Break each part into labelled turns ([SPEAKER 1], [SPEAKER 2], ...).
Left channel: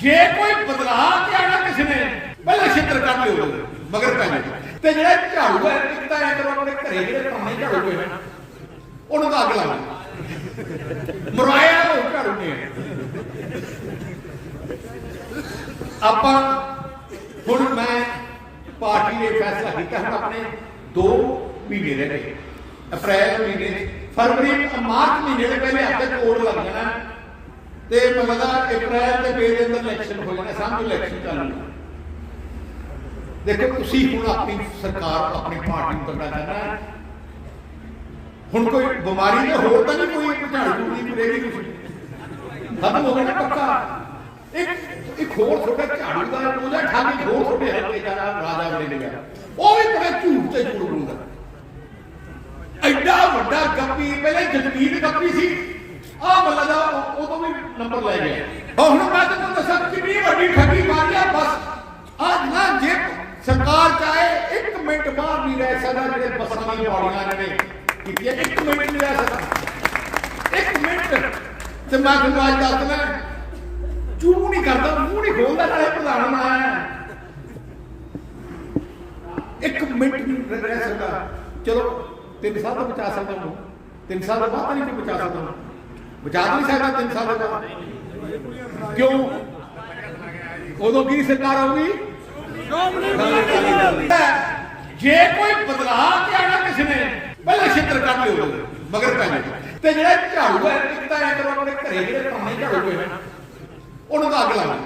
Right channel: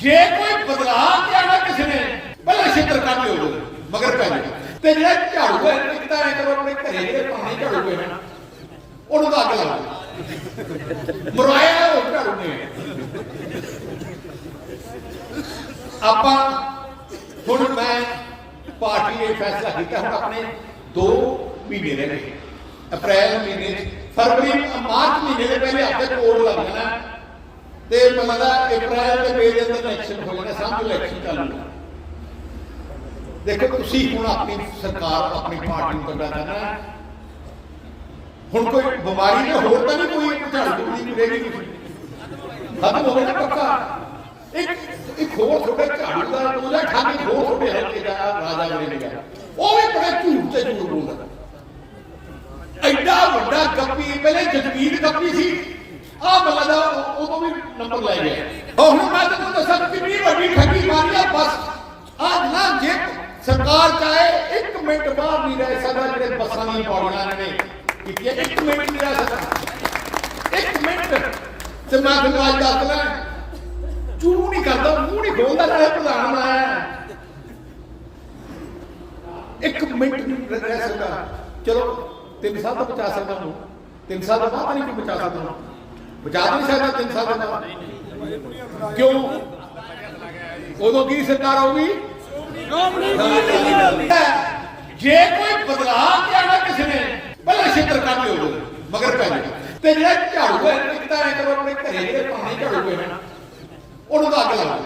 [SPEAKER 1] ਜੇ ਕੋਈ ਬਦਲਾਅ ਕੇ ਕਿਸੇ ਨੇ, ਪਹਿਲਾਂ ਛਿੱਤਰ ਕੱਢ ਲਿਓ ਉਹਦੇ ਮਗਰ ਪੈ ਜਾਓ। ਤੇ ਜਿਹੜਾ ਝਾੜੂ ਹੈ ਇੱਕ ਐ ਕਰੋ ਆਪਣੇ ਘਰੇ ਜਿਹੜੇ ਪੁਰਾਣੇ ਝਾੜੂ ਪਏ ਹਨ, ਉਹਨੂੰ ਤਾਂ ਅੱਗ ਲਾ ਲਓ। ਮਰਵਾਇਆ ਉਹ ਝਾੜੂ ਨੇ ਆਪਾਂ ਹੁਣ ਮੈਂ ਪਾਰਟੀ ਨੇ ਫੈਸਲਾ ਕੀਤਾ, ਹੁਣ ਆਪਣੇ 2 ਮਹੀਨੇ ਰਹਿ ਗਏ। ਅਪ੍ਰੈਲ ਮਹੀਨੇ ਫਰਵਰੀ ਮਾਰਚ ਮਹੀਨੇ ਦੇ ਪਹਿਲੇ ਹਫ਼ਤੇ ਕੋਡ ਲੱਗ ਜਾਣਾ। ਤੇ ਮੈਨੂੰ ਲੱਗਦਾ ਅਪ੍ਰੈਲ ਦੇ ਮਈ ਦੇ ਅੰਦਰ ਇਲੈਕਸ਼ਨ ਹੋ ਜਾਣਾ ਸਮਝ ਇਲੈਕਸ਼ਨ ਚੱਲਣਾ ਦੇਖੋ, ਤੁਸੀਂ ਹੁਣ ਆਪਣੀ ਸਰਕਾਰ, ਆਪਣੀ ਪਾਰਟੀ ਨੂੰ ਤਗੜਾ ਕਰਨਾ ਹੁਣ ਕੋਈ ਬਿਮਾਰੀ ਨੇ ਹੋਰ ਤਾਂ ਨਹੀਂ ਕੋਈ ਕੋਈ ਝੂੜੀ ਕਰੇਗੀ ਤੁਸੀਂ ਖਤਮ ਹੋ ਗਿਆ ਪੱਕਾ। ਇੱਕ ਇੱਕ ਹੋਰ ਤੁਹਾਡੇ ਝਾੜੂ ਦਾ ਉਹਦਾ ਠੱਗ ਹੋਰ ਤੁਹਾਡੇ ਹਲਕੇ ਦਾ ਰਾਜਾ ਬਣੇ ਨਿਗਾ ਉਹ ਵੀ ਬੜੇ ਝੂਠ ਤੇ ਝੂਠ ਬੋਲਦਾ। ਐਡਾ ਵੱਡਾ ਗੱਪੀ, ਪਹਿਲੇ ਜਗਮੀਤ ਗੱਪੀ ਸੀ ਆ ਮੱਲਾ ਦਾ ਉਹ ਵੀ ਨੰਬਰ ਲੈ ਗਿਆ। ਔਰ ਹੁਣ ਮੈਂ ਤੁਹਾਨੂੰ ਦੱਸਾਂ ਕਿੰਨੀ ਵੱਡੀ ਠੱਗੀ ਮਾਰੀ ਆ ਬਸ। ਅੱਜ ਨਾ ਜੇ ਸਰਕਾਰ ਚਾਹੇ ਇੱਕ ਮਿੰਟ ਬਾਹਰ ਨਹੀਂ ਰਹਿ ਸਕਦਾ, ਜਿਹੜੇ ਬੱਸਾਂ ਦੀਆਂ ਪੌੜੀਆਂ ਇਹਨਾਂ ਨੇ ਕੀਤੀਆਂ ਇੱਕ ਮਿੰਟ ਨਹੀਂ ਰਹਿ ਸਕਦਾ। ਇੱਕ ਮਿੰਟ। ਤੇ ਮੈਂ ਤੁਹਾਨੂੰ ਅੱਜ ਦੱਸ ਦਿੰਦਾ ਨਹੀਂ ਕਰਦਾ, ਮੂੰਹ ਨਹੀਂ ਖੋਲਦਾ, ਨਾਲੇ ਪ੍ਰਧਾਨ ਬਣਾਇਆ ਹੈ। ਇੱਕ ਮਿੰਟ ਨਹੀਂ ਰਹਿ ਸਕਦਾ। ਚਲੋ, ਤਿੰਨ ਸਾਲ ਤਾਂ ਬਚਾ ਸਕਦਾ ਹੂੰ ਤਿੰਨ ਸਾਲ ਤੋਂ ਬਾਅਦ ਤਾਂ ਨਹੀਂ ਕੋਈ ਬਚਾ ਸਕਦਾ ਹੂੰ ਬਚਾ ਨਹੀਂ ਸਕਦਾ ਤਿੰਨ ਸਾਲ ਦੇ ਬਾਅਦ? ਕਿਉਂ? ਉਦੋਂ ਕੀ ਸਰਕਾਰ ਆਊਗੀ? ਜੇ ਕੋਈ ਬਦਲਾਅ ਕੇ ਕਿਸੇ ਨੇ, ਪਹਿਲਾਂ ਛਿੱਤਰ ਕੱਢ ਲਿਓ ਉਹਦੇ ਮਗਰ ਪੈ ਜਾਓ। ਤੇ ਜਿਹੜਾ ਝਾੜੂ ਹੈ, ਇੱਕ ਤਾਂ ਕਰੋ ਆਪਣੇ ਘਰੇ ਜਿਹੜੇ ਪੁਰਾਣੇ ਝਾੜੂ ਪਏ ਹਨ ਉਹਨੂੰ ਤਾਂ ਅੱਗ ਲਾ ਲਓ।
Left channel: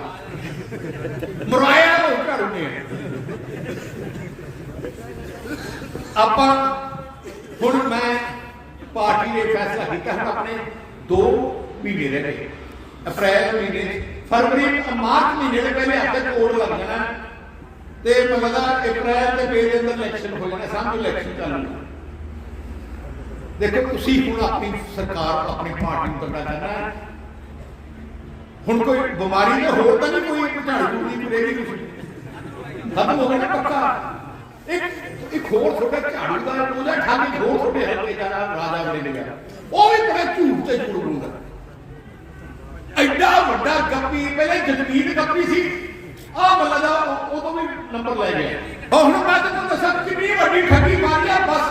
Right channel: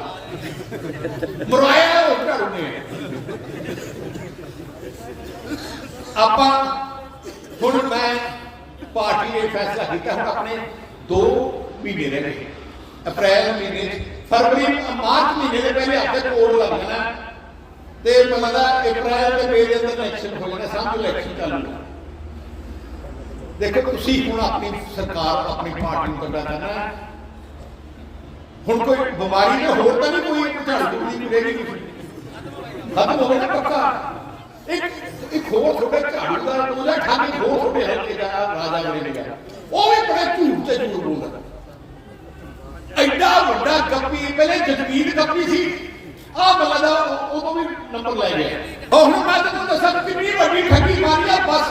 [SPEAKER 1] ਮਰਵਾਇਆ ਉਹ ਝਾੜੂ ਨੇ ਆਪਾਂ ਹੁਣ ਮੈਂ ਪਾਰਟੀ ਨੇ ਫੈਸਲਾ ਕੀਤਾ, ਹੁਣ ਆਪਣੇ 2 ਮਹੀਨੇ ਦੇ ਗਏ ਅਪ੍ਰੈਲ ਮਹੀਨੇ ਫਰਵਰੀ ਮਾਰਚ ਮਹੀਨੇ ਦੇ ਪਹਿਲੇ ਹਫ਼ਤੇ ਕੋਡ ਲੱਗ ਜਾਣਾ। ਤੇ ਮੈਨੂੰ ਲੱਗਦਾ ਅਪ੍ਰੈਲ ਦੇ ਮਈ ਦੇ ਅੰਦਰ ਇਲੈਕਸ਼ਨ ਹੋ ਜਾਣਾ ਸਮਝ ਇਲੈਕਸ਼ਨ ਚੱਲਣਾ ਦੇਖੋ, ਤੁਸੀਂ ਹੁਣ ਆਪਣੀ ਸਰਕਾਰ, ਆਪਣੀ ਪਾਰਟੀ ਨੂੰ ਤਗੜਾ ਕਰਨਾ ਹੁਣ ਕੋਈ ਬਿਮਾਰੀ ਨੇ ਹੋਰ ਤਾਂ ਨਹੀਂ ਕੋਈ ਕੋਈ ਝਾੜੂ ਝੂੜੀ ਤੁਸੀਂ ਖਤਮ ਹੋ ਗਿਆ ਪੱਕਾ। ਇੱਕ ਇੱਕ ਹੋਰ ਤੁਹਾਡੇ ਝਾੜੂ ਦਾ, ਉਹਦਾ ਠੱਗ ਹੋਰ ਤੁਹਾਡੇ ਹਲਕੇ ਦਾ ਰਾਜਾ ਬਣੇ ਨਿਗਾ ਉਹ ਵੀ ਬੜੇ ਝੂਠ ਤੇ ਝੂਠ ਬੋਲਦਾ। ਐਡਾ ਵੱਡਾ ਗੱਪੀ ਪਹਿਲੇ ਜਗਮੀਤ ਗੱਪੀ ਸੀ। ਆ ਮੱਲਾ ਦਾ ਉਹ ਤੋਂ ਵੀ ਨੰਬਰ ਲੈ ਗਿਆ। ਔਰ ਹੁਣ ਮੈਂ ਤੁਹਾਨੂੰ ਦੱਸਾਂ ਕਿੰਨੀ ਵੱਡੀ ਠੱਗੀ ਮਾਰੀ ਆ, ਬਸ।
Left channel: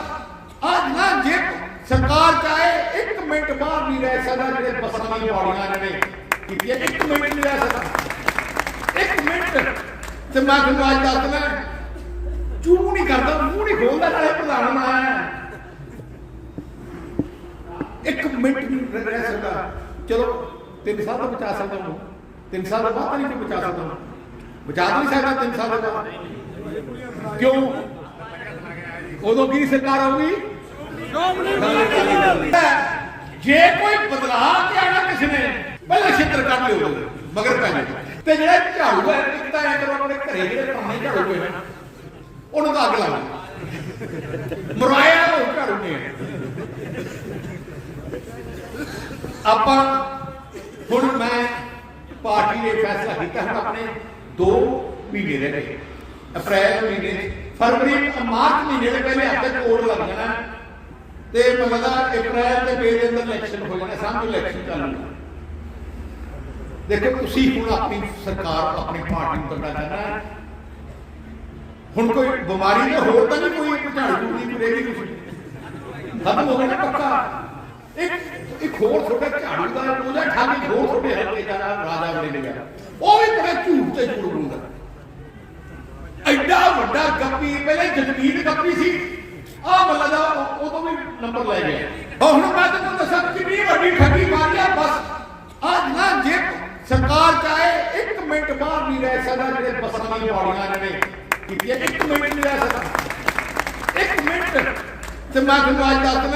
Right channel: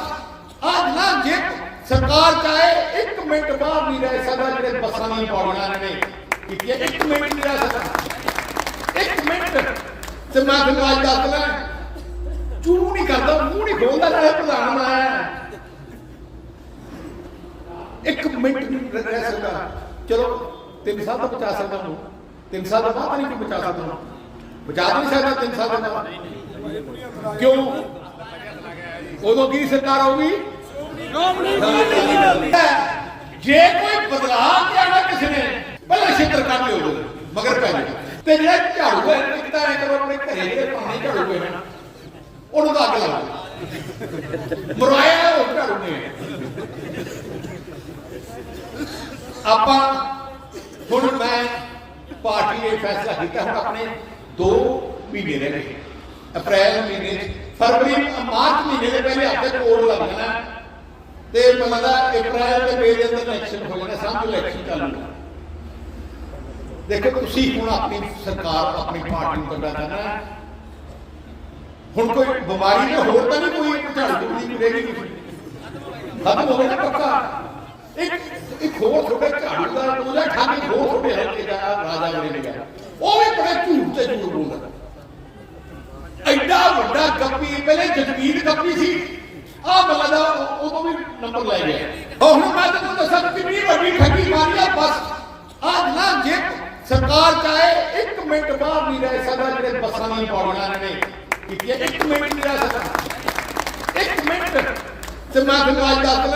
[SPEAKER 1] ਅੱਜ ਨਾ ਜੇ ਸਰਕਾਰ ਚਾਹੇ ਇੱਕ ਮਿੰਟ ਬਾਹਰ ਨਹੀਂ ਰਹਿ ਸਕਦਾ, ਜਿਹੜੇ ਬੱਸਾਂ ਦੀਆਂ ਪੌੜੀਆਂ ਇਹਨਾਂ ਨੇ ਕੀਤੀਆਂ ਇੱਕ ਮਿੰਟ ਨਹੀਂ ਰਹਿ ਸਕਦਾ। ਇੱਕ ਮਿੰਟ। ਤੇ ਮੈਂ ਤੁਹਾਨੂੰ ਅੱਜ ਦੱਸ ਦਿੰਦਾ ਚੂ ਨਹੀਂ ਕਰਦਾ, ਮੂੰਹ ਨਹੀਂ ਖੋਲਦਾ, ਨਾਲੇ ਪ੍ਰਧਾਨ ਬਣਾਇਆ। ਇੱਕ ਮਿੰਟ ਨਹੀਂ ਰਹਿ ਸਕਦਾ। ਚਲੋ, ਤਿੰਨ ਸਾਲ ਤਾਂ ਬਚਾ ਸਕਦਾ ਹੂੰ ਤਿੰਨ ਸਾਲ ਦੇ ਬਾਅਦ ਤਾਂ ਨਹੀਂ ਕੋਈ ਬਚਾ ਸਕਦਾ ਹੂੰ ਬਚਾ ਤਾਂ ਨਹੀਂ ਸਕਦਾ ਤਿੰਨ ਸਾਲ ਦੇ ਬਾਅਦ। ਕਿਉਂ? ਉਦੋਂ ਕੀ ਸਰਕਾਰ ਆਊਗੀ? ਜੇ ਕੋਈ ਬਦਲਾਅ ਕੇ ਕਿਸੇ ਨੇ, ਪਹਿਲਾਂ ਛਿੱਤਰ ਕੱਢ ਲਿਓ ਉਹਦੇ ਮਗਰ ਪੈ ਜਾਓ। ਤੇ ਜਿਹੜਾ ਝਾੜੂ ਹੈ, ਇੱਕ ਤਾਂ ਐ ਕਰੋ ਆਪਣੇ ਘਰੇ ਜਿਹੜੇ ਪੁਰਾਣੇ ਝਾੜੂ ਪਏ ਹਨ ਉਹਨੂੰ ਤਾਂ ਅੱਗ ਲਾ ਲਓ ਮਰਵਾਇਆ ਉਹ ਝਾੜੂ ਨੇ। ਆਪਾਂ ਹੁਣ ਮੈਂ ਪਾਰਟੀ ਨੇ ਫੈਸਲਾ ਕੀਤਾ ਹੁਣ ਆਪਣੇ 2 ਮਹੀਨੇ ਰਹਿ ਗਏ। ਅਪ੍ਰੈਲ ਮਹੀਨੇ ਫਰਵਰੀ ਮਾਰਚ ਮਹੀਨੇ ਦੇ ਪਹਿਲੇ ਹਫ਼ਤੇ ਕੋਡ ਲੱਗ ਜਾਣਾ। ਤੇ ਮੈਨੂੰ ਲੱਗਦਾ ਅਪ੍ਰੈਲ ਦੇ ਮਈ ਦੇ ਅੰਦਰ ਇਲੈਕਸ਼ਨ ਹੋ ਜਾਣਾ ਸਮਝ ਇਲੈਕਸ਼ਨ ਚੱਲਣਾ ਦੇਖੋ, ਤੁਸੀਂ ਹੁਣ ਆਪਣੀ ਸਰਕਾਰ, ਆਪਣੀ ਪਾਰਟੀ ਨੂੰ ਤਗੜਾ ਕਰਨਾ ਹੁਣ ਕੋਈ ਬਿਮਾਰੀ ਨੇ ਹੋਰ ਤਾਂ ਨਹੀਂ ਕੋਈ ਕੋਈ ਝਾੜੂ ਝੂੜੀ ਕਰੇਗੀ ਤੁਸੀਂ ਖਤਮ ਹੋ ਗਿਆ ਪੱਕਾ। ਇੱਕ ਇੱਕ ਹੋਰ ਤੁਹਾਡੇ ਝਾੜੂ ਦਾ ਉਹਦਾ ਠੱਗ ਹੋਰ ਤੁਹਾਡੇ ਹਲਕੇ ਦਾ ਰਾਜਾ ਬਣੇ ਨਿਗਾ ਉਹ ਵੀ ਬੜੇ ਝੂਠ ਤੇ ਝੂਠ ਬੋਲਦਾ। ਐਡਾ ਵੱਡਾ ਗੱਪੀ, ਪਹਿਲੇ ਜਗਮੀਤ ਗੱਪੀ ਸੀ। ਆ ਮੱਲਾ ਦਾ ਉਹ ਤੋਂ ਵੀ ਨੰਬਰ ਲੈ ਗਿਆ। ਔਰ ਹੁਣ ਮੈਂ ਤੁਹਾਨੂੰ ਦੱਸਾਂ, ਕਿੰਨੀ ਵੱਡੀ ਠੱਗੀ ਮਾਰੀ ਆ, ਬਸ। ਅੱਜ ਨਾ, ਜੇ ਸਰਕਾਰ ਚਾਹੇ ਇੱਕ ਮਿੰਟ ਬਾਹਰ ਨਹੀਂ ਰਹਿ ਸਕਦਾ, ਜਿਹੜੇ ਬੱਸਾਂ ਦੀਆਂ ਪੌੜੀਆਂ ਇਹਨਾਂ ਨੇ। ਕੀਤੀਆਂ ਇੱਕ ਮਿੰਟ ਨਹੀਂ ਰਹਿ ਸਕਦਾ। ਇੱਕ ਮਿੰਟ। ਤੇ ਮੈਂ ਤੁਹਾਨੂੰ ਅੱਜ ਦੱਸ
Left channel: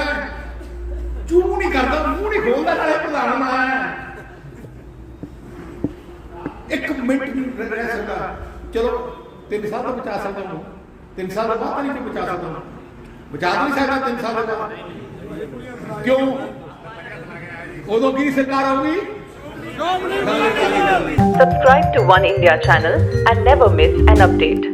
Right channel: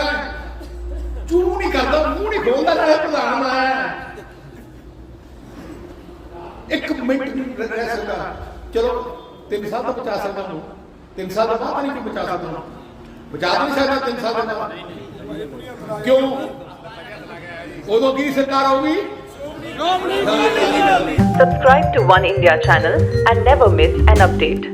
[SPEAKER 1] ਦਿੰਦਾ ਚੂ ਨਹੀਂ ਕਰਦਾ ਮੂੰਹ ਨਹੀਂ ਖੋਲਦਾ ਨਾਲੇ ਪ੍ਰਧਾਨ ਬਣਾਇਆ। ਇੱਕ ਮਿੰਟ ਨਹੀਂ ਰਹਿ ਸਕਦਾ। ਚਲੋ ਤਿੰਨ ਸਾਲ ਤਾਂ ਬਚਾ ਸਕਦਾ ਹੂੰ ਤਿੰਨ ਸਾਲ ਦੇ ਬਾਅਦ ਤਾਂ ਨਹੀਂ ਕੋਈ ਬਚਾ ਸਕਦਾ ਹੂੰ ਬਚਾ ਤਾਂ ਨਹੀਂ ਸਕਦਾ ਤਿੰਨ ਸਾਲ ਦੇ ਬਾਅਦ। ਕਿਉਂ? ਉਦੋਂ ਕੀ ਸਰਕਾਰ ਆਊਗੀ?
[SPEAKER 2] Subscribe to One India channel and never miss an update.